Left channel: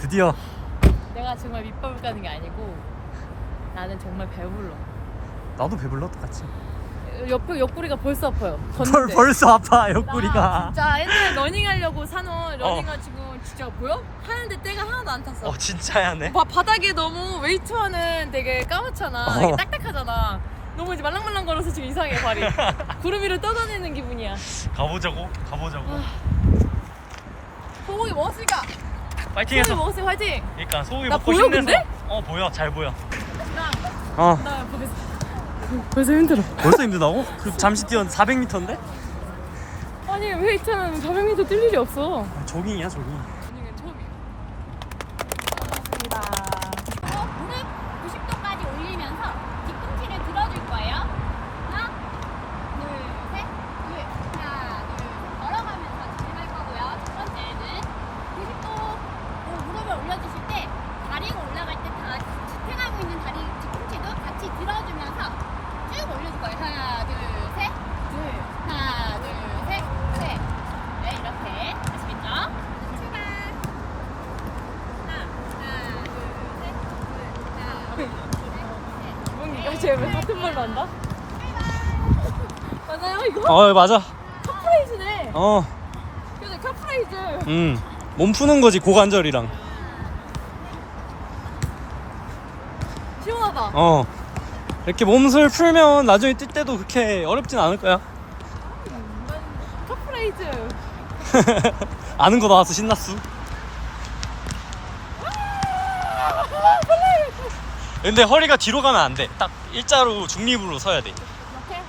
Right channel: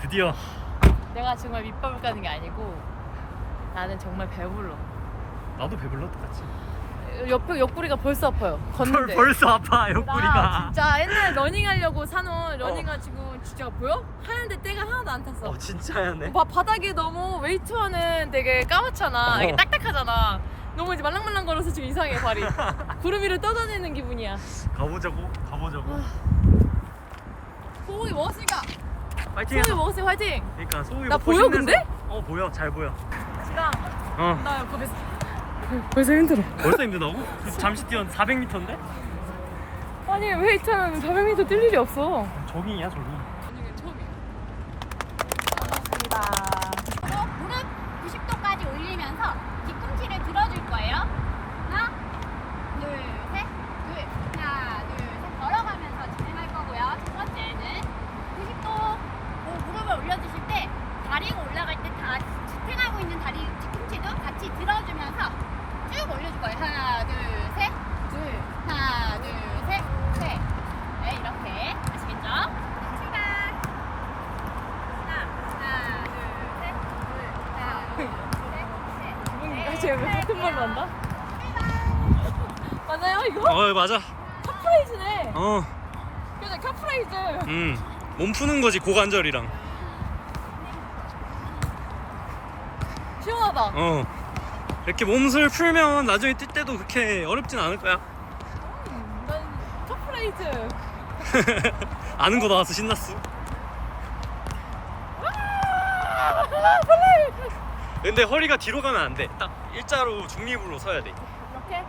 드디어. 내가 정말 밑밥을 까는 게 아니고 나는 정말 배불러. 나도 배불러 똑같이. 옆구리가 벌써 아파요. 걷는데. 벌써 아파 나 옆구리가. 진짜 옛날에 러닝하려고 사놓은 러닝화 지금 진짜 보여? 하는데 때가 하나도 안 탔어. 진짜야네. 바닥에 너무 웨이트하는 되게 까맣잖아. 이게 딱딱하잖아. 너무 이제 말랑말랑 걸어서 지금 이상해 발이. 구름 위를 떠다니는 기분이야. 가보자고. 소고기 먹었으니까. 파이팅해서. 소고기 먹었으니까 화이팅. 그러니까 소고기 나 먹고 보여, 힘내서. 근데? 보여. 잘 보여. 나 벌써 힘들어. 벌써 힘들다고? 잠시 뛰었 400m인데? 아니 웨이트하는 400m 뛸 일이 없어. 조깅이야 조깅. 러닝은 처음이야. 무릎 90도까지 올리면서 뒤꿈치를 들어줄 거예요. 하나, 둘, 셋, 하나, 둘, 셋 걸어가면서 진행할 거고요. 첫 번째는 90도 무릎을 올려주실 때 다리가 올라갈 때 다 지탱하고 있는 다리 뒤꿈치도 같이 들어주면서 쭉 올려줄 거예요. 하나, 둘, 셋, 하나, 둘, 셋, 셋. 네, 이렇게 아시겠죠? 출발. 하나, 둘, 셋, 하나, 둘, 셋, 셋. 쟤 왜 같은 말 난다? 맞아요 이거? 맞아. 카프라이즈네. 그래 카프라이즈. 몸 푸는 거지 고관절이랑. 시원하다. 이렇게 몸을 풀면 나중에 뛸 때도 그렇게 어렵진 않을 거야. 난 카프라이즈. 아는 거 나와서 신났어. 근데 허리가 뒤로 가면 안 돼. 딱 일자로 중립으로 서야 돼. 이렇게?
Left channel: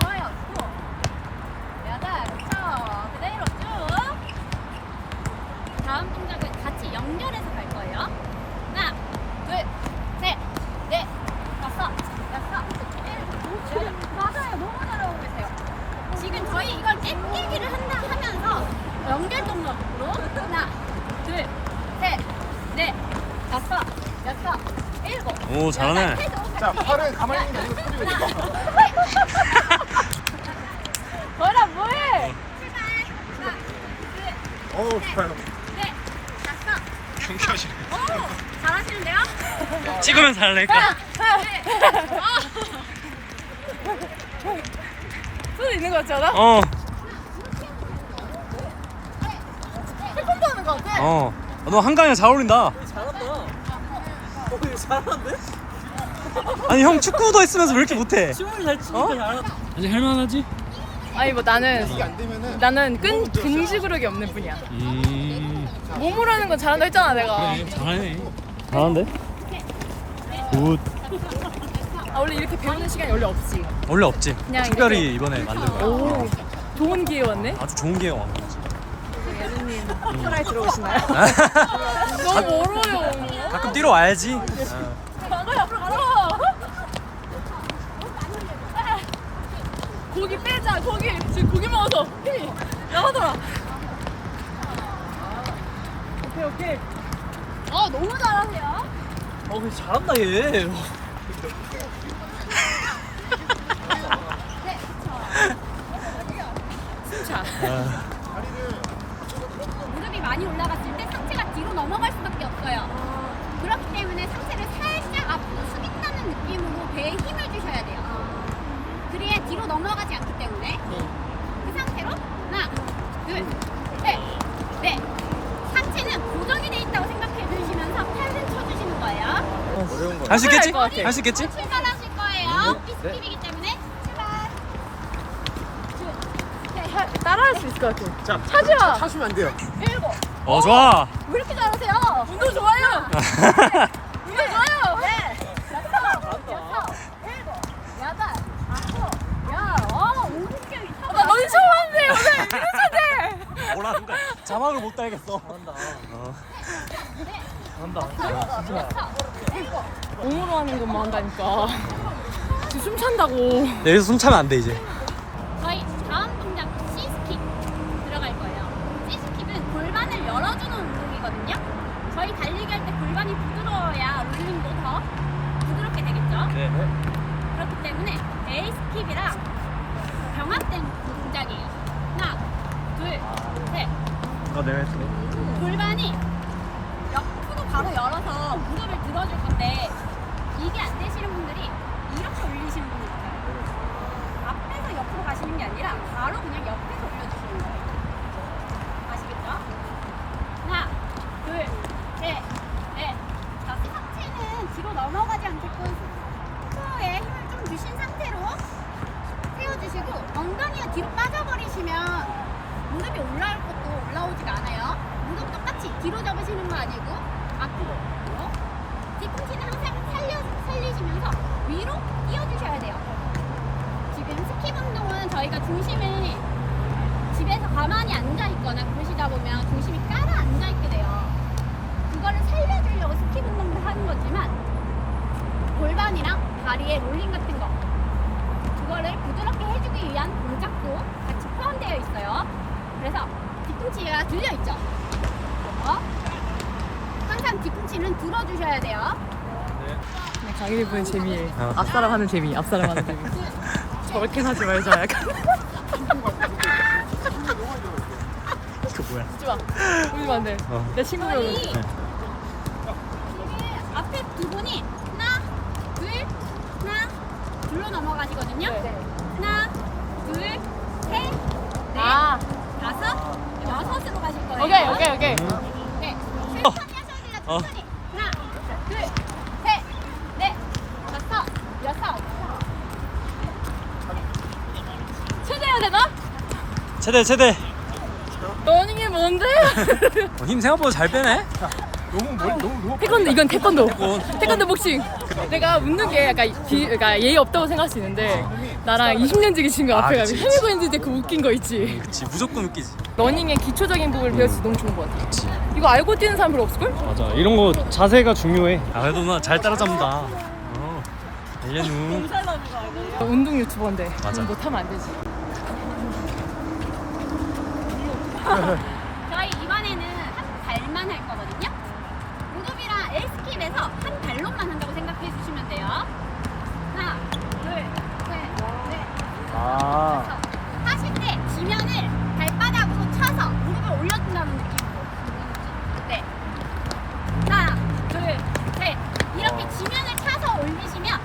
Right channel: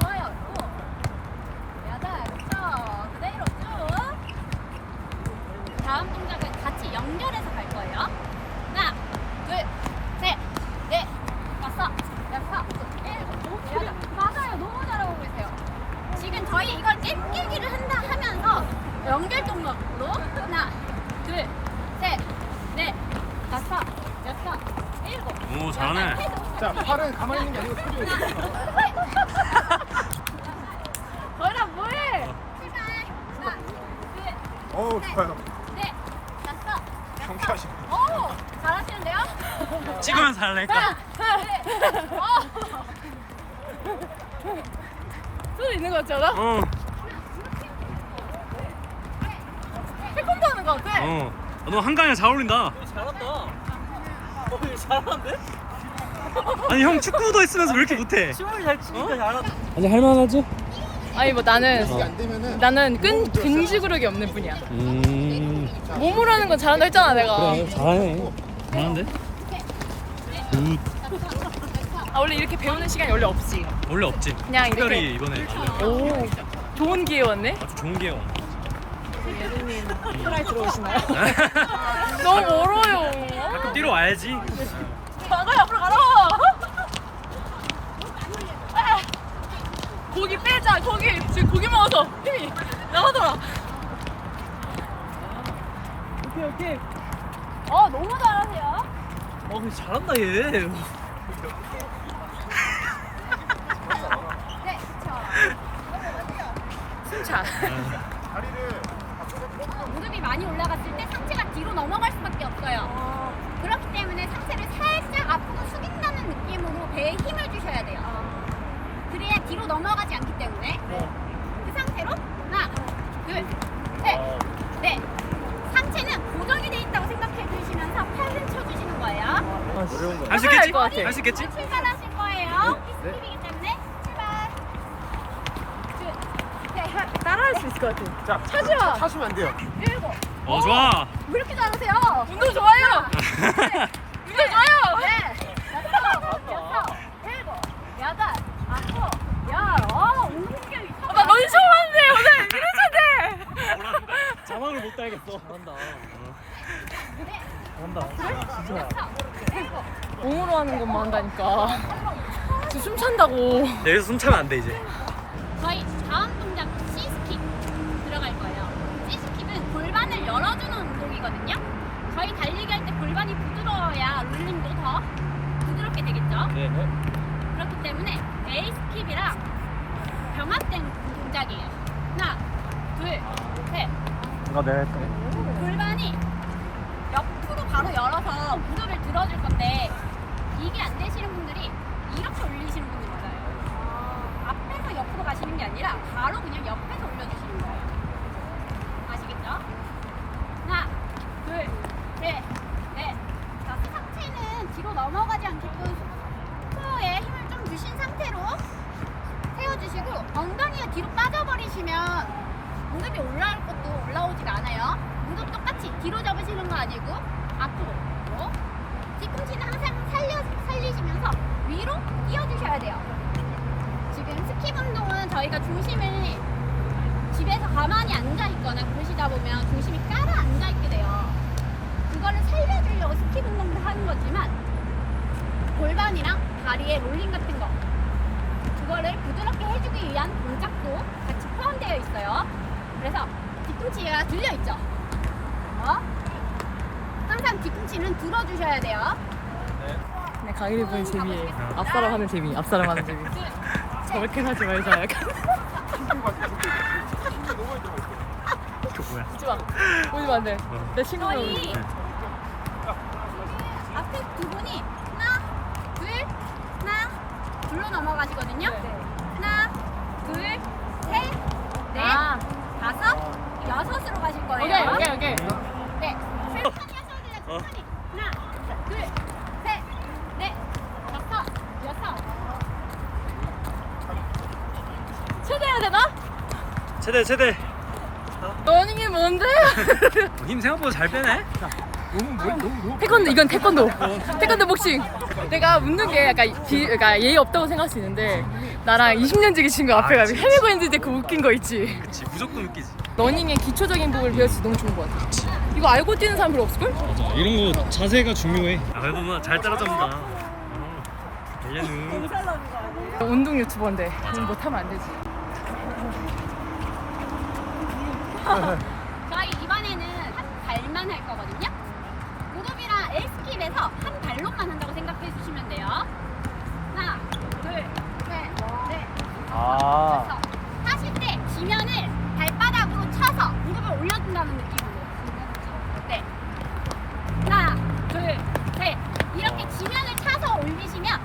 좋아요. 또. 여덟, 그대로 쭉. 다음 동작은 같이 연결해서 갈 거예요. 하나, 둘, 셋, 넷, 다섯, 여섯, 일곱, 여덟. 맞아요. 너무 잘하고 계세요. 지금 저희 이걸 땡기기를 하면서 연결 동작으로 하나, 둘, 셋, 넷, 다섯, 여섯, 일곱. 오, 잘하네. 자, 팔은 가만히 있는 게 아니고 소리가 있어. 뭐해? 출발. 하나, 둘, 좋아요. 넷, 다섯. 경쾌하시네. 잘하시는데요? 찍으면 잘하니까. 소리 있는 거 같지 않아? 태권도 하는 거 같아. 너 한강이랑 잘 어울린다. 잘하는데? 아니 형 축구도 했으면서 왜 이렇게 못해? 시원이 잘 치니까 잘하다. 아니 할만하지? 아니 뭐 이게 나는 안 되면은 근지구력이 없는 뿐이야. 몸으로 하는 건 잘한다 했잖아 내가. 그래 잘하네. 잘하는데? 굿. 원래 이렇게 배우는 시간이 원래 없지. 원래 없지. 그냥 특별히 이렇게. 이번에 만든 거. 오, 좋은 기회 왔네. 아주 좋은 기회가 왔네. 편하게 들어오시나요? 너무 멀어요. 가끔 뛰러 와야지. 나가 앞으로 가라. 고기 빼자. 고기 지금 고기 먹어서 힘이 나가더라. 오케이. 너무 잘하세요. 근데 잘한다 얘. 네, 그쵸. 숨차. 다리를 무릎이 많이 올라갔을 때 상체가 뒤로 넘어갈 수밖에 없어요. 그렇기 때문에 상체를 살짝 앞으로 숙인다는 느낌으로 배에 힘을 주셔야 돼요. 그래야 뒤로 넘어가지 않기 때문에 그 상태로 하나, 둘, 셋, 넷. 상체는 고정이 돼 있다고 생각해 주시면서 팔을 쳐주시는 거예요. 할 수 있겠지? 것 같아. 할 수 있겠지? 출발하실 거예요. 피스킬이기 때문에 출발. 따라할 수 있을 것 같아. 자, 차지마. 차시면 안 돼요. 일곱. 좋아. 왜 이렇게 잘하세요? 운동 좋아요. 운동 좋아요. 여섯, 일곱, 여덟, 아홉, 열, 50개. 나 너희 처음 하는데 오늘 이래서 뭐라 자막을 못 달겠어. 잘한다. 몸으로 하는 것만 한다니까. 지금 숨 찬다고. 여기서 숨 차면 안 돼 이제. 저희 다음 동작 C스킵 들어갈 거예요. C스킵은 골반을 열어주는 운동이거든요. 저희 달리기 할 때 골반이 부드러워야 롤링도 더 부드럽게 되겠죠. 그렇기 때문에 A 스킵이랑 병합된 동작이에요. 하나, 둘, 이거 내가 했던 골반이 옆으로 바로 열어서 무릎을 들어줄 건데 이게 안 되시는 분들이 이렇게 올리시는 분들 있어요. 앞에서 옆으로 가시는 게 아니라 바로 그냥 옆에서 올려주시는 거예요. 아시겠죠? 하나, 둘, 셋, 넷. 자, 상체는 뒤로 넘어가지 않게끔 코어에 힘을 좀 주신 상태로 세워주시고 엉덩이가 뒤로 빠져버리시면 무릎이 올라올 것도 올라오지가 않아요. 무릎 똑같이 뒤로 접으시는 거 아니고 앞으로. 뒤꿈치는 항상 살리시면서 위로 띄워주셔야 돼요. 지금 스킵 운동은 저희가 중심을 집에서 가만히 앉아있거나 그러시다 보면 중심이 깔아 앉아있게 돼요. 그거를 살려주려고 스킵 운동도 하는 거지만 골반이랑 다리에 롤링 같은 거 그거를 부드럽게 해주기 위한 동작도 같이 포함되어 있어요. 그래서 뒤꿈치가 들려있죠. 항상 뒤꿈치는 들어주셔야 돼요. 그냥 강의를 보는 재미. 앞사람 하는 재미. 앞사람 하는 재미. 저렇게 하지 말자. 약간. 이거 뭐야? 보지 마. 보지 마, 안 돼. 내 친구는. 저희 앞에 두 분이 하나, 둘로 넘어가시거든요. 하나, 둘, 셋, 넷, 아. 다섯, 여섯으로 가실 거예요. 오케이. 네. 천천히 하셔도 돼요. 천천히. 하나, 둘, 셋, 넷, 다섯, 여섯. 최대해야 되나? 최대. 러닝이 뭔데? 힘 생각보다 잘 빼네. 태권도, 이건 태권도 복싱. 내가 웃는 게 약간 그러니까 예의 없다고 생각할 수 있는데 나랑 20년 지기 친구 앞에 가면 그치. 헤매고 있는데 그 웃긴 거 있지. 그치, 무조건 웃기지. 러닝의 기초적인 부분을 배울 수 너무 좋은 것 같아. 그치. 이거 알고 뛰는 사람 별로 없을걸? 맞아. 이런 거 자세가 중요해. 아, 그래도 나 잘 따라잡는다. 1년 후. 운동 유튜버인데 맞아. 그건 못하면 안 되지. 저희 이번에는 한 발만 할 거거든요. 무릎이랑 L스킵에서 한 발로만 한다고 생각해 주시면 돼요. 하나, 둘, 셋, 넷, 다섯, 여섯. 하실 때 지면을 발바닥으로 차서 무릎을 올려준다는 느낌으로. 네. 하나, 둘, 셋. 이렇게 지면을 차서 올리시면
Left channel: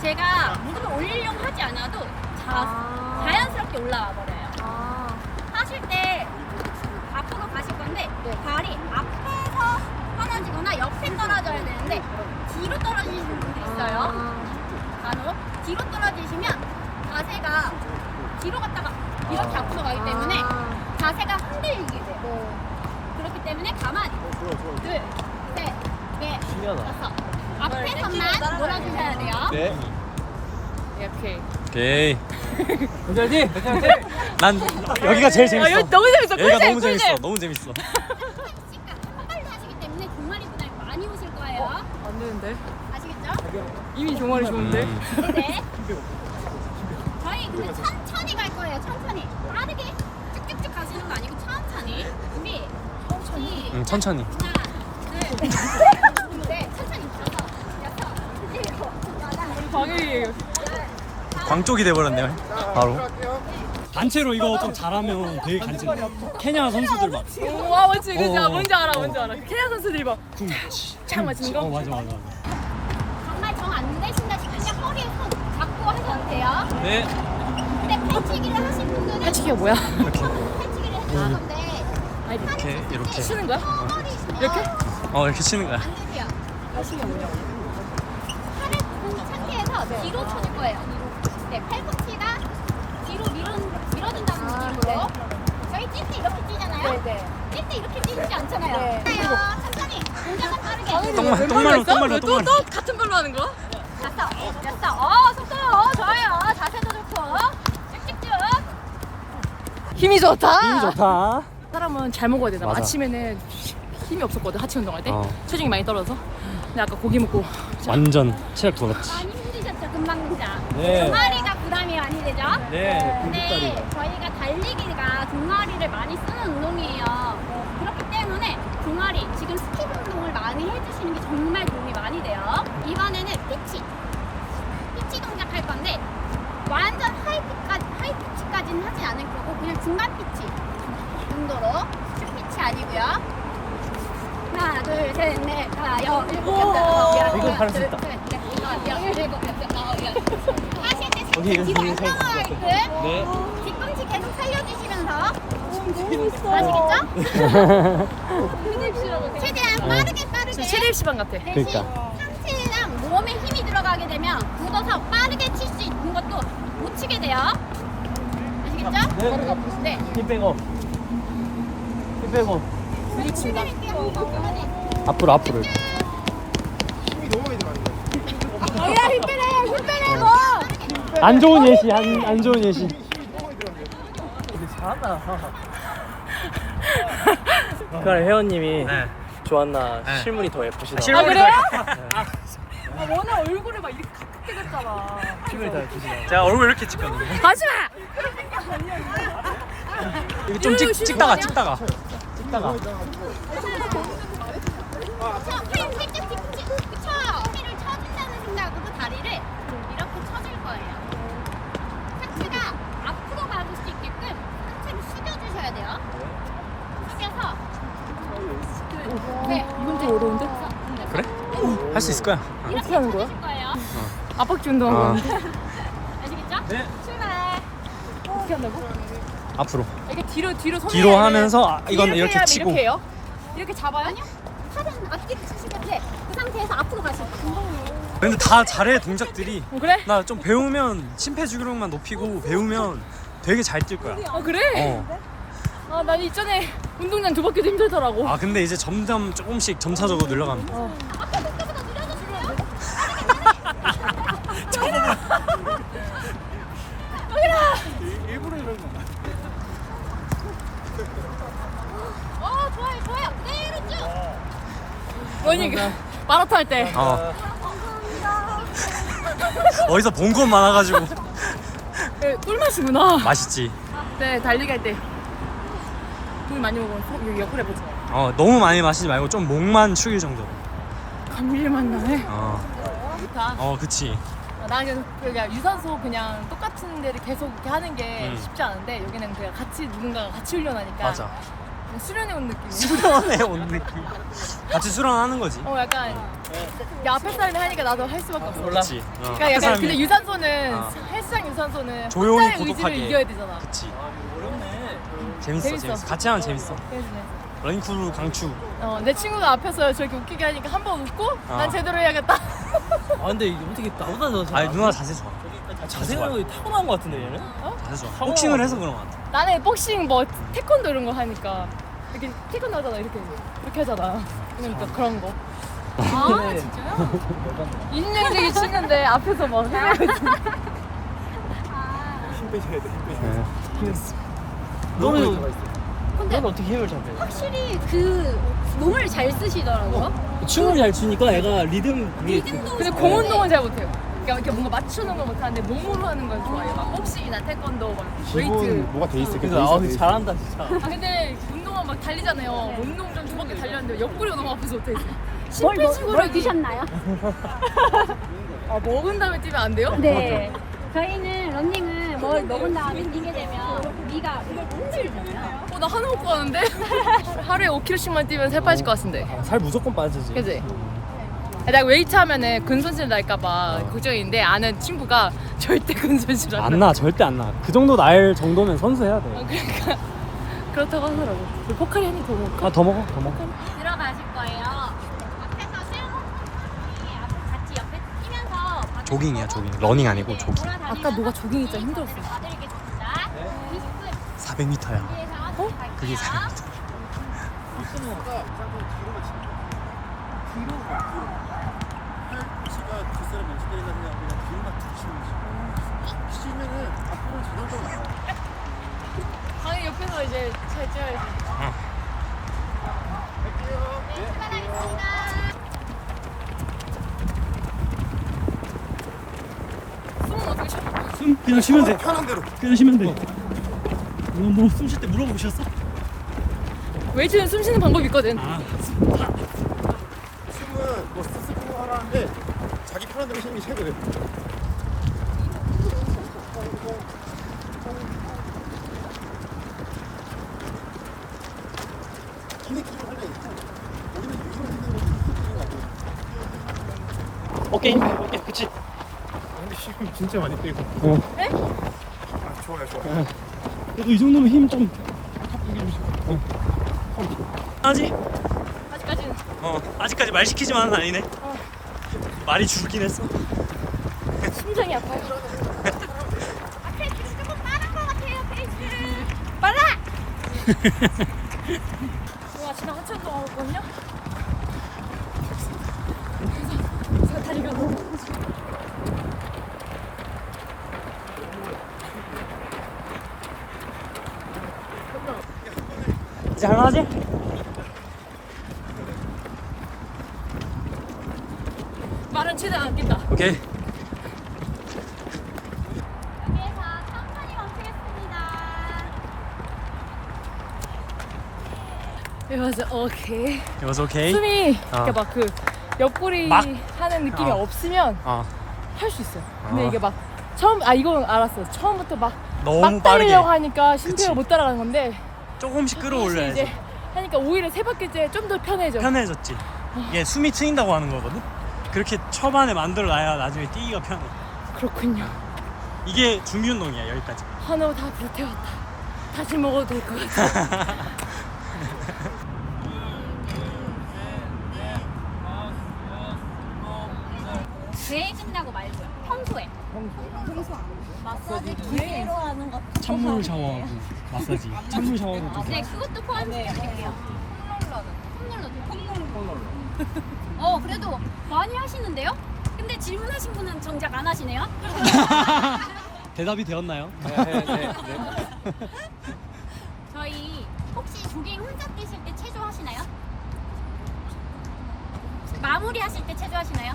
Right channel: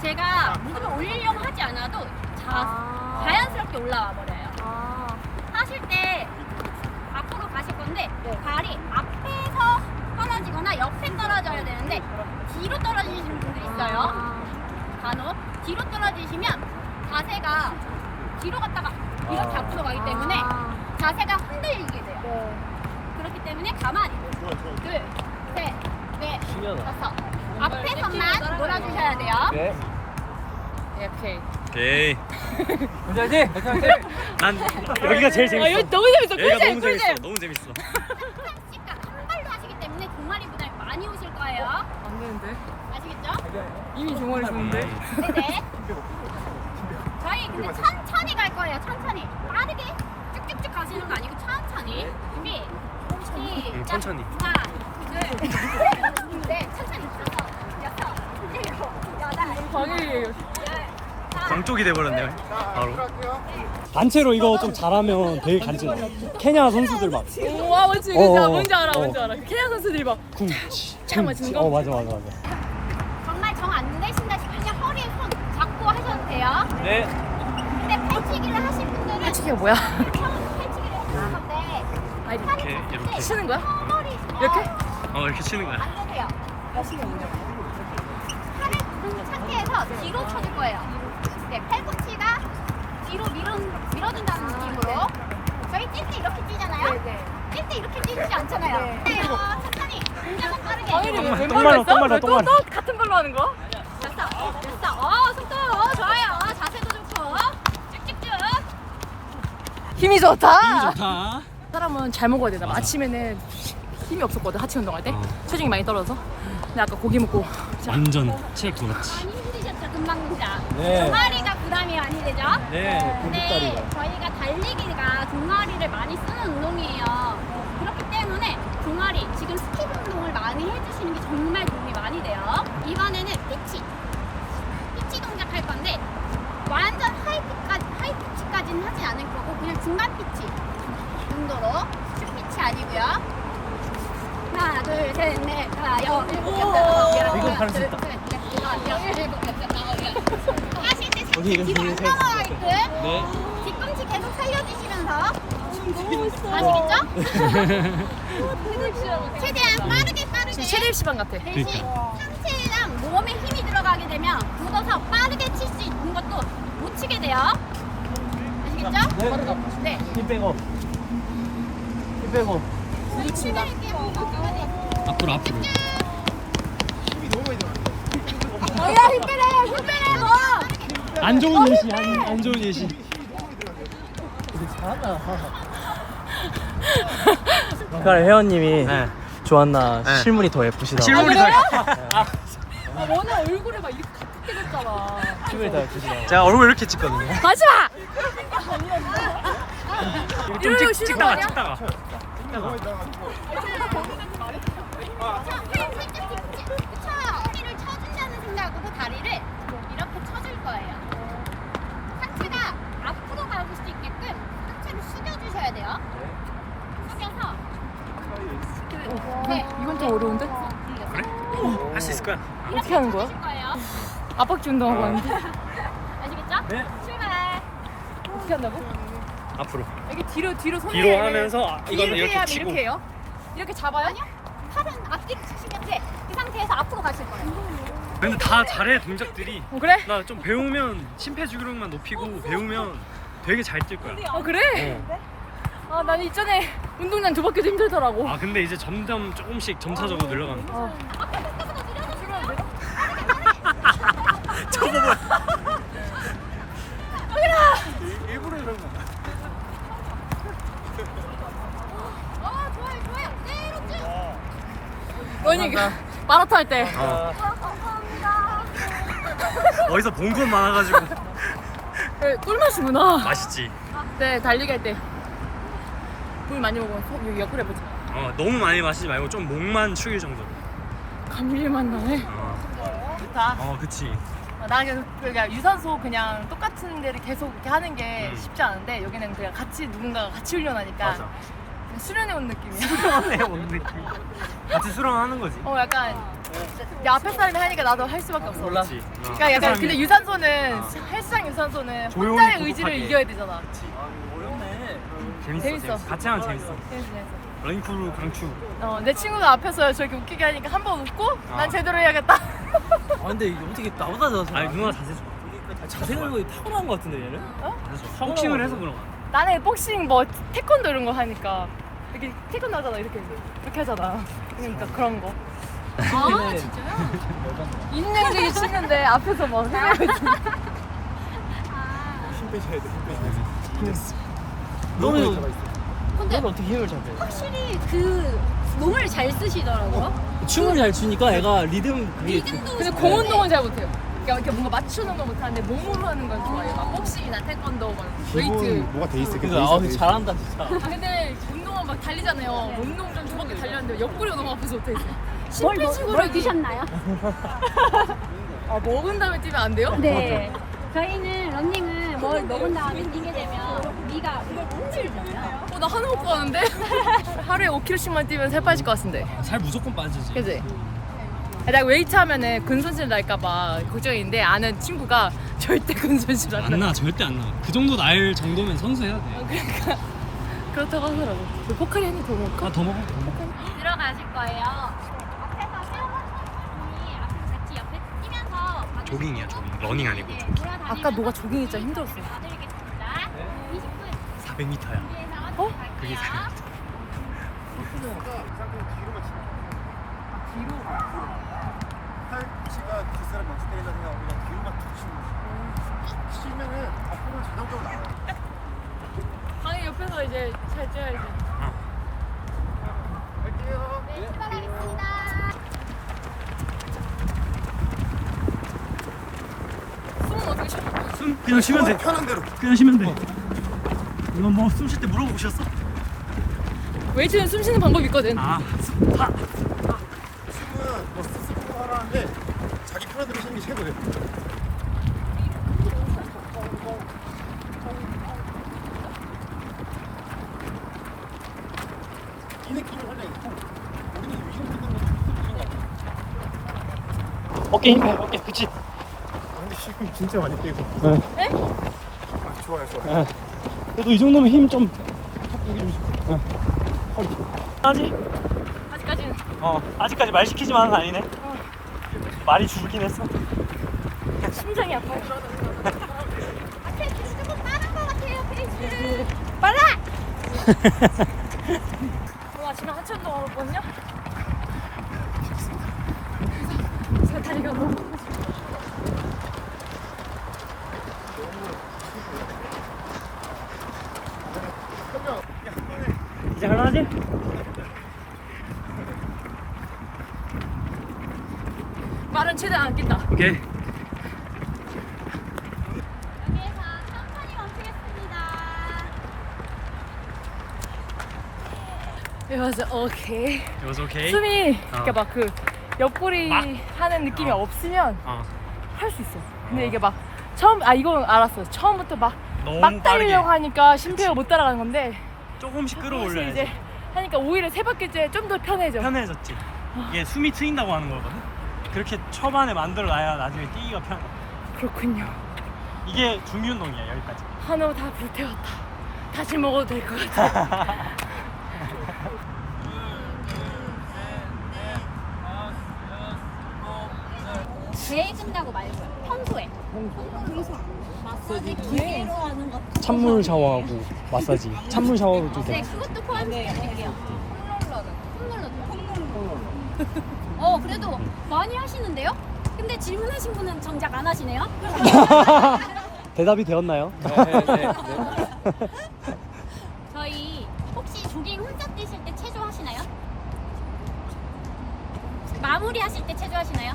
제가 무릎을 올리려고 하지 않아도 자연스럽게 올라와 버려요. 하실 때 앞으로 가실 건데 발이 앞에서 떨어지거나 옆에 떨어져야 되는데 뒤로 떨어지시는 분들이 있어요. 간혹 뒤로 떨어지시면 자세가 뒤로 갔다가 이렇게 앞으로 가기 때문에 자세가 흔들리게 돼요. 그렇기 때문에 가만히 둘, 셋, 넷, 다섯 앞에서만 놀아주셔야 돼요. 이렇게. 오케이. 문제지? 난 여기가 제일 재밌어. 여기 너무 재밌어. 여기가 꿀잼, 너무 꿀잼. 재밌어. 너무 재밌어. 한 발로 하시기 때문에 종아리 부담이 많이 오실 거예요. 안 되는데. 아시겠죠? 이미 종아리 좋은데. 네. 저희 근데 천천히 갈 거예요. 천천히. 빠르게 쭉쭉쭉 가시는 거 아니고 천천히. 준비. 시작. 천천히. 하나, 둘, 셋, 천천히. 다섯, 여섯, 일곱, 여덟. 방해예요. 광 쪽이 돼버렸네. 바로. 단체로 이거 좀 잘하면 되게 간지. 케냐 선수들 막. 와 맞지 진짜 어, 뭔지 알아 어. 뭔지 알아. 케냐 선수들이 막 착 맞추는 거? 맞아. 정말 정 안 되신다 싶으면 허리에 손 잡고 하셔도 돼요. 네. 근데 팔치기를 하실 분들은 패치기가 뭐야? 팔치기를 해주는 건데 아 이렇게. 치는 거야? 허리시면 이렇게? 이렇게 치는 거야. 안 되세요. 치는 거 뭐야? 팔을 든 상태에서 뒤로 쳐줄 거예요. 네, 팔꿈치가 뒤로 밀어준다는 느낌으로. 저희 뛸 때 이렇게 뛰잖아요. 뛸 때 이렇게 뛰지 않잖아요. 네. 그래요. 천천히, 동작은 빠르게. 똥말로. 또 같은 걸로 하는 거야? 됐어. 속도 좋아요. 자세도 좋고. 쭉쭉쭉. 힘이 좋다. 힘이 좋다. 사람은 잘 먹어야 되나 봐. 맞아. 아침에는 힘이 없었거든 하체 운동할 때 어. 체중이 많이 떨어져서. 근데 아까 고기 먹고 완전 체력 돌았지. 많이 힘드셨죠, 금방자. 네. 종아리가 부담이 많이 되죠? 네. 근데 저희가 달리기가 종아리를 많이 쓰는 운동이에요. 그렇기 때문에 종아리, 지금 스킵 운동을 많이 해주시는 게 정말 도움이 많이 돼요. 이번에는 피치 동작 할 건데 완전 하이 피치까지는 하진 않을 거고 그냥 중간 피치 정도로 슈 피치 아니고요. 하나, 둘, 셋, 넷, 다섯, 일곱, 오. 여덟, 이거 아홉, 잘할 수 열, 있다. 둘, 셋, 넷, 다섯, 여섯, 일곱, 여덟, 아홉, 열. 하실 때 오케이, 상체 뒤로 안 오케이. 넘어가게끔 네. 뒤꿈치 계속 살려주시면서 아시겠죠? 최대한 빠르게 최대 입시반 같아. 대신 그러니까. 상체랑 몸에 힘이 들어가게 되면 굳어서 빠르게 칠 수 있는 것도 못 치게 돼요. 아시겠죠? 네. 힘 빼고. 힘 빼고. 이거 친다. 앞으로 앞으로. 힘이 너무 많이 들어가는데. 어야 힘 빼래요. 힘 빼래 뭐. 안 좋은 예시 안 좋은 예시. 그러니까 혜원님이 네. 조한나 네. 실물이 더 예쁘시다. 실물이 더 아 워낙 얼굴에 막 이렇게 가깝게 됐잖아. 실물이 더 예쁘시다. 제가 얼굴 이렇게 찍거든요. 가지 마. 이거 좀 이러고 쉬는 거 아니야? 찍다가 살짝 뒤꿈치 그쵸? 허리를 쳐준다는 생각으로 다리를 이렇게 쳐줄 거예요. 상체가 앞으로 가실 수 있게끔 상체를 숙여주셔야 돼요. 숙여서 네, 이건 좀 어려운데? 그래? 할 수 있을 거야. 이렇게 쳐주실 거예요. 압박지 운동하고 아. 왔는데 아시겠죠? 네. 출발. 어떻게 한다고? 앞으로. 이렇게 뒤로 손 뒤로 하면서 이건 이렇게 하면 치고. 이렇게 해요? 이렇게 잡아요? 팔은 앞뒤로 치실 건데 그 상태에서 앞으로 가실 거예요. 근데 다 잘해 동작들이. 그래? 나 좀 배우면 심폐지구력만 높이고 배우면 되게 잘 뛸 거야. 그래? 아, 난 이전에 운동장 2바퀴도 힘들더라고. 아 근데 이제 점점 조금씩 점차적으로 늘어가면. 일부러 이러는 거야. 좋아요, 좋아요. 그대로 쭉. 원이 마라톤 할 때. 어디서 본 것 많아가지고 꿀맛이구나. 맛있지. 네, 달리기 할 때. 물 많이 먹으면 여기 옆구리 아프지. 너무 많이 마시지 말고 좀 목만 축일 정도. 감기맛 나네. 좋다. 그치. 나 그냥 유산소 그냥 똑같은 데를 계속 이렇게 하는 게 음. 쉽지 않은데 여기는 그냥 같이 누군가가 같이 훈련하니까 맞아. 그냥 수련해 온 느낌이야. 수련해 온 느낌. 같이 수련하는 거지. 약간 내 앞에 사람이 하니까 나도 할 수밖에 없어. 그렇지. 그러니까 약간 근데 유산소는 어. 헬스장 유산소는 조용히 혼자의 고독하게. 의지를 이겨야 되잖아. 그치. 어렵네. 재밌어. 같이 하면 재밌어. 재밌어. 러닝크루 강추. 내 친구가 앞에서 저렇게 웃기게 하니까 한 번 웃고 난 제대로 해야겠다. 아 근데 이게 어떻게 나보다 더 잘? 아니 누나 자세 좋아. 자세가 타고난 것 같은데 얘는? 자세 좋아. 복싱을 해서 그런 거 같아. 나는 복싱 뭐 태권도 이런 거 하니까 이렇게 태권도 하잖아 이렇게 하잖아. 그러니까 그런 거. 아 진짜요? 인형제기 치는데 앞에서 막 헤매고 있어. 힘 빼셔야 돼. 힘 빼셔야 돼. 너는 근데 너는 어떻게 힘을 잡해? 확실히 그 몸을 잘 쓰시더라고요. 춤을 잘 추니까 애가 리듬 그게 리듬도 근데 공 운동은 잘 못해요. 그러니까 이렇게 뭔가 맞추는 건 못하는데 몸으로 하는 건 좋아해요. 막 복싱이나 태권도, 막 웨이트. 기본 뭐가 돼 있어. 그래서 잘한다 진짜. 근데 운동은 막 달리잖아요. 운동장 2바퀴 달렸는데 옆구리가 너무 아파서 못했어요. 뭘 심폐지구력이 드셨나요? 먹은 다음에 뛰면 안 돼요? 네. 저희는 런닝은 뭘 먹은 다음에 뛰게 되면 위가 힘들잖아요. 나 하나 먹고 가는데? 하루에 5kg씩만 뛰면 살 빠질 것 같은데. 살 무조건 빠지지. 그지? 내가 웨이트 하면은 근손실 날까봐 걱정인데 아는 친구가 절대 근손실 안 나. 안 나, 절대 안 나. 그 정도 날 정도면 선수 해야 돼. 그러니까 그렇다고 하더라고. 그 포카리 한 입 더 먹을까? 아, 더 먹어, 더 먹어. 들어가실 거예요. 앞에서 세워놓고 같이 옆에 뛰면서 조깅이야 조깅. 러닝 아니고 조깅. 아까 너가 조깅 진짜 힘들었어. 400m야. 어? 그게 400m. 치가 뒷사람 멈춰 때린다 생각하고 그냥 뒤로만 툭 치는 거지. 치면은 앞으로 자동적으로 나와. 강이 옆에서 이제 잘 쪄야지. 갈게요. 숨은 어떻게 쉬어? 숨 그냥 쉬면 돼. 편한 대로. 그냥 쉬면 돼. 이거 뭐 숨 쉴 때 물어보셨어? 웨이트는 숨 쉬는 방법이 있거든. 아, 지금은 뭐 스스로 하라는데 자기 편한 대로 쉬는 게 최고예요. 어깨 힘 빼, 어깨. 그치? 근데 지금 진짜 많이 빼고. 네? 좋아요, 좋아요. 그래도 이 정도면 힘 좀. 아직 아직까지는. 아직까지 말 시키지만은 아니네. 말이 줄긴 했어. 심장이 아파요. 페이스 조금 빠른 것 같아요, 페이스. 빨라! 오늘 아침에 하체 운동하고 있거든요. 그래서 제가 다리가 너무 이제 할만하지? 말은 최대한 안 낀다. 오케이. 여기에서 천천히 멈추겠습니다. It was okay. It was okay. 숨이 이렇게 막 그 옆구리 막? 하는 느낌이 없으면 어. 할 수 있어요. 근데 어. 이게 막 이건 알았어요. 처음부터 막 너무 막 빠르게 달리려고 하니까 심폐가 그치. 못 따라가는 건데 조금씩 이제 끌어올려야지. 하니까 오히려 세 바퀴째 좀 더 편해져. 편해졌지. 이게 숨이 트인다고 하는 거거든. 그렇게 초반에 만들어놔야 나중에 뛰기가 편해. 그렇군요. 이게 준비 운동이야 여기까지. 한우 다 불태웠다. 다시 먹어도 될 것 같아. 대회 끝나고 말고요. 평소에. 마사지 기계로 하는 거. 찬물 샤워하고 마사지. 찬물 샤워를 좀. 네, 그것도 포함시켜드릴게요. 콩롤러. 그래도 많이 하시는데요? 근데 질문하신 분은 정작 안 하시네요? 대답이 되었나요? 저희 혹시 조깅 혼자 뛰실 때 체조 하시나요? 마무리 하실 때 체조 하시나요?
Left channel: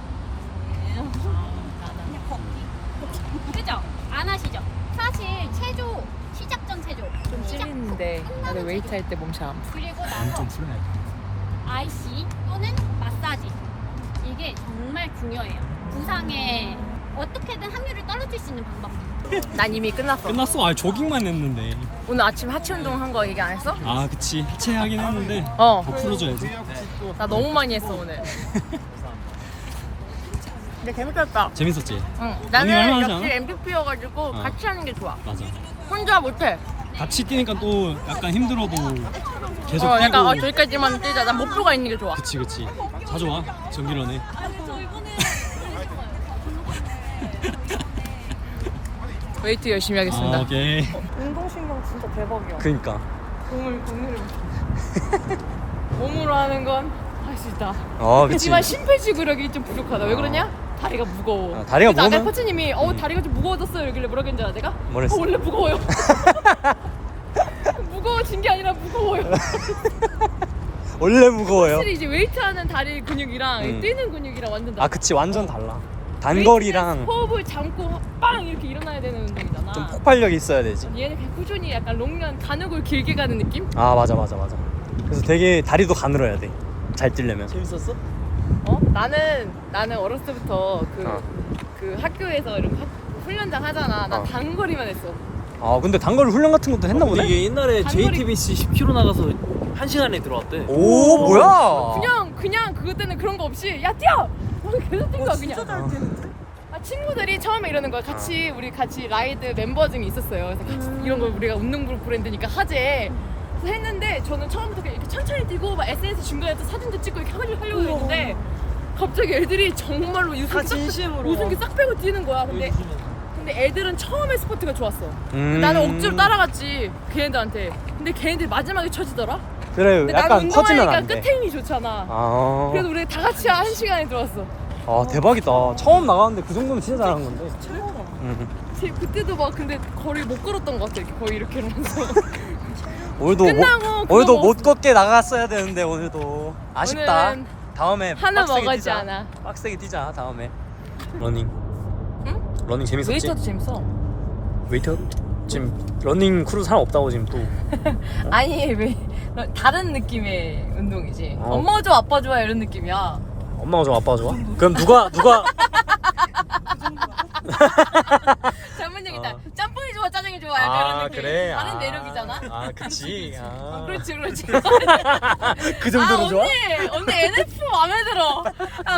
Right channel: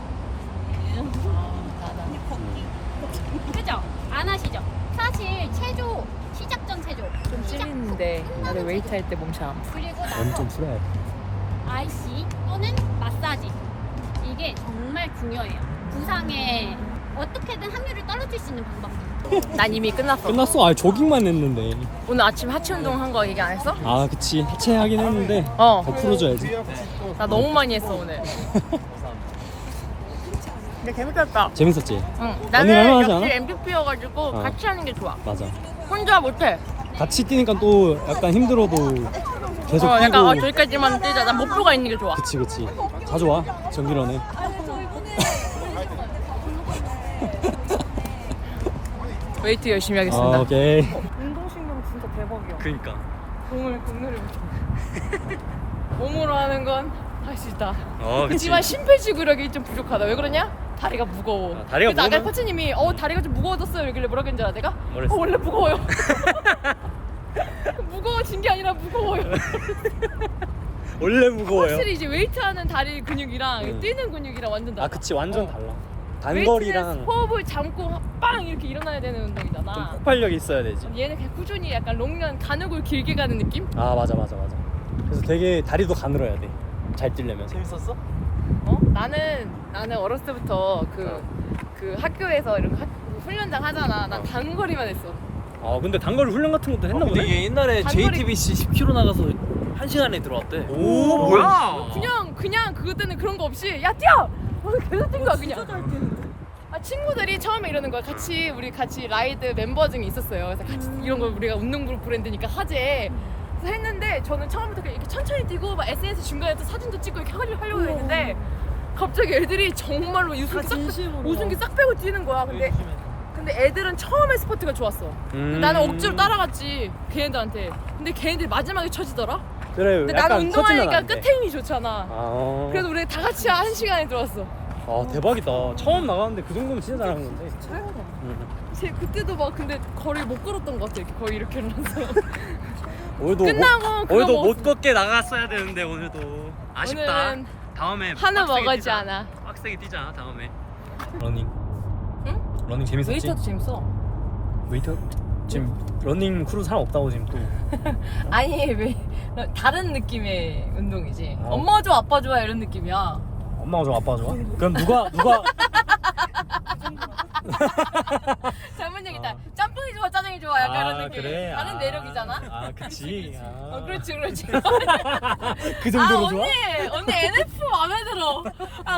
그죠? 안 하시죠? 사실 체조 시작 전 체조 좀 찔리는데 나도 웨이트 할 때 몸참. 그리고 몸 나서 좀 풀어야 돼. IC 또는 마사지 이게 정말 중요해요. 부상에 어떻게든 확률을 떨어질 수 있는 방법. 난 이미 끝났어. 끝났어. 아 조깅만 했는데. 오늘 아침 하체 운동 한 거 얘기 안 했어? 아 그치. 하체 하긴 했는데. 어. 더 풀어줘야지. 나 너무 많이 했어 오늘. 근데 재밌었다. 재밌었지. 응. 언니 나는 할만하지 역시 않아? MVP여가지고 같이 하는 게 좋아. 맞아. 혼자 못해. 같이 뛰니까 또 약간 힘들어도 계속 뛰고. 약간 저기까지만 뛰자. 난 목표가 있는 게 좋아. 그치 그치. 자주 와 정기런에. 웨이트 열심히 하겠습니다. 아, 오케이. 운동신경 진짜 대박이야. 그니까. 공을 몸으로 하는 건 할 수 있다. 그치. 그렇지만 심폐지구력이 좀 부족하다. 왜 그러냐? 다리가 무거워. 다리가 그래서 아까 무거우면- 코치님이 다리가 좀 무거워졌어요. 이러길래 뭐라 그랬는지 알아 내가? 뭐랬어? 원래 무거워요. 무거워진 게 아니라 무거워요. 원래 무거워요. 확실히 이제 웨이트하는 다리 근육이랑 음. 뛰는 근육이랑 완전 달라. 그치 완전 달라. 웨이트는 단거리랑 호흡을 잠고 빵 이렇게 일어나야 되는 운동이잖아. 폭발력이 있어야 되지. 얘는 그냥 꾸준히 약간 롱런 가늘고 길게 가는 느낌? 아 맞아. 그래서 되게 다리도 가늘어야 돼. 잘 뛰려면. 재밌었어? 나는 어렸을 때부터 그 학교에서 이런 훈련장 하잖아. 난 단거리만 했어. 아 근데 단거리 훈련 같은 것도 했나 보네. 이게 옛날에 단거리- JTBC 10km 나가서 1시간에 들어왔대. 오 뭐야? 그냥 그것 때는 그런 거 없이 야 뛰어! 계속 뛴 거야 그냥. 친구들이 처음에 이러는 거야. 우리 같이 라이드 멤버 중에 있었어요. 그래서 같이 이런 걸 우리가 운동그룹 브랜드니까 하재. 그래서 했는데 저는 처음부터 그냥 이렇게 천천히 뛰고 막 SNS 중간에 또 사진도 찍고 이렇게 하려고 했는데 갑자기 애들이 정말로 웃음기 싹 빼고 뛰는 거야. 근데 애들은 처음에 스포트가 좋았어. 나는 억지로 따라갔지 걔네들한테. 근데 걔네들이 마지막에 처지더라. 그래. 근데 약간 나는 터지면 운동하니까 안 돼. 끝에 힘이 좋잖아. 아. 그래도 우리 다 같이 1시간에 들어왔어. 아 대박이다. 처음 나가는데 그 정도면 진짜 잘한 건데. 그때도 막 근데 거리 못 걸었던 것 같아. 이렇게 거의 이렇게 이러면서. 오늘도 끝나고 그거 오늘도 먹었어. 못 걷게 나갔어야 되는데 오늘도 아쉽다. 오늘은 다음에 한우 빡세게 먹었지 뛰자. 않아. 빡세게 뛰자 다음에. 러닝. 응? 러닝 재밌었지? 웨이터도 재밌어. 웨이터? 지금 러닝 크루 사람 없다고 지금 또. 아니 왜 다른 느낌의 운동이지. 어. 엄마 좋아 아빠 좋아 이런 느낌이야. 엄마가 좋아 아빠가 좋아? 그럼 누가 전문용이다. 짬뽕이 좋아, 짜장이 좋아, 약간 이런 느낌. 그래? 다른 매력이잖아. 아 그치. 그렇지, 그렇지. 그 정도로 좋아? 언니 NF 마음에 들어.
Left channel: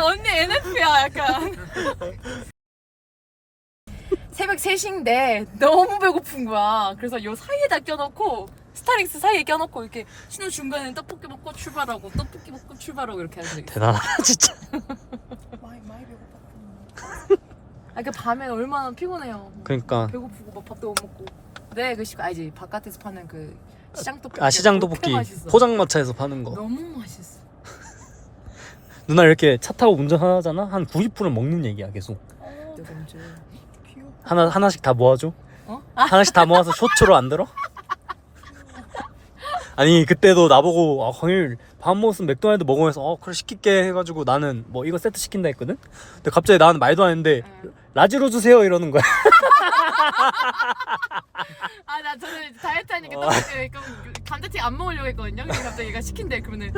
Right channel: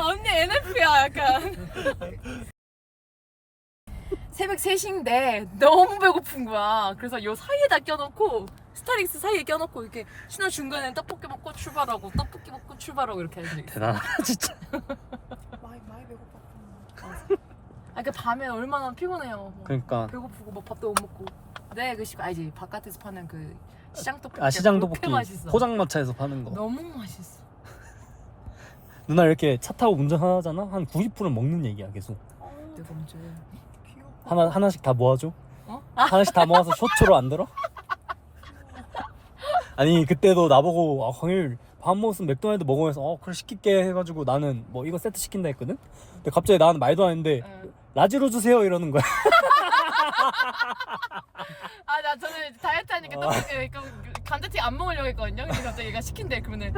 언니 NF야, 약간. 새벽 3시인데 너무 배고픈 거야. 그래서 요 사이에다 껴놓고 스타렉스 사이에 껴놓고 이렇게 신호 중간에 떡볶이 먹고 출발하고 떡볶이 먹고 출발하고 이렇게 하는 적 있어. 대단하다 진짜. 많이 배고팠구나. 그 밤에 얼마나 피곤해요. 그러니까. 배고프고 막 밥도 못 먹고. 네, 그 알지? 바깥에서 파는 그 시장 떡볶이. 시장 그렇게 떡볶이 맛있어. 포장마차에서 파는 거. 너무 맛있어. 누나 이렇게 차 타고 운전하잖아? 한 90%는 먹는 얘기야 계속. 내가 언제? 하나씩 다 모아줘? 어? 하나씩 다 모아서 쇼츠로 안 들어? 아니 그때도 나보고 광일 밥 먹었으면 맥도날드 먹으면서 그래 시킬게 해가지고 나는 뭐 이거 세트 시킨다 했거든? 근데 갑자기 나는 말도 안 했는데 라지로 주세요 이러는 거야. 나 저는 다이어트 하니까 떡볶이 감자튀김 안 먹으려고 했거든요. 근데 갑자기 얘가 시킨대. 그러면은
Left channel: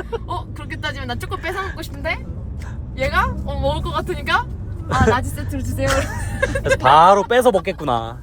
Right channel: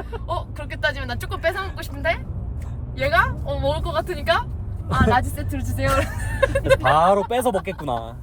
그렇게 따지면 나 조금 뺏어 먹고 싶은데 얘가 먹을 것 같으니까 라지 세트로 주세요. 바로 뺏어 먹겠구나.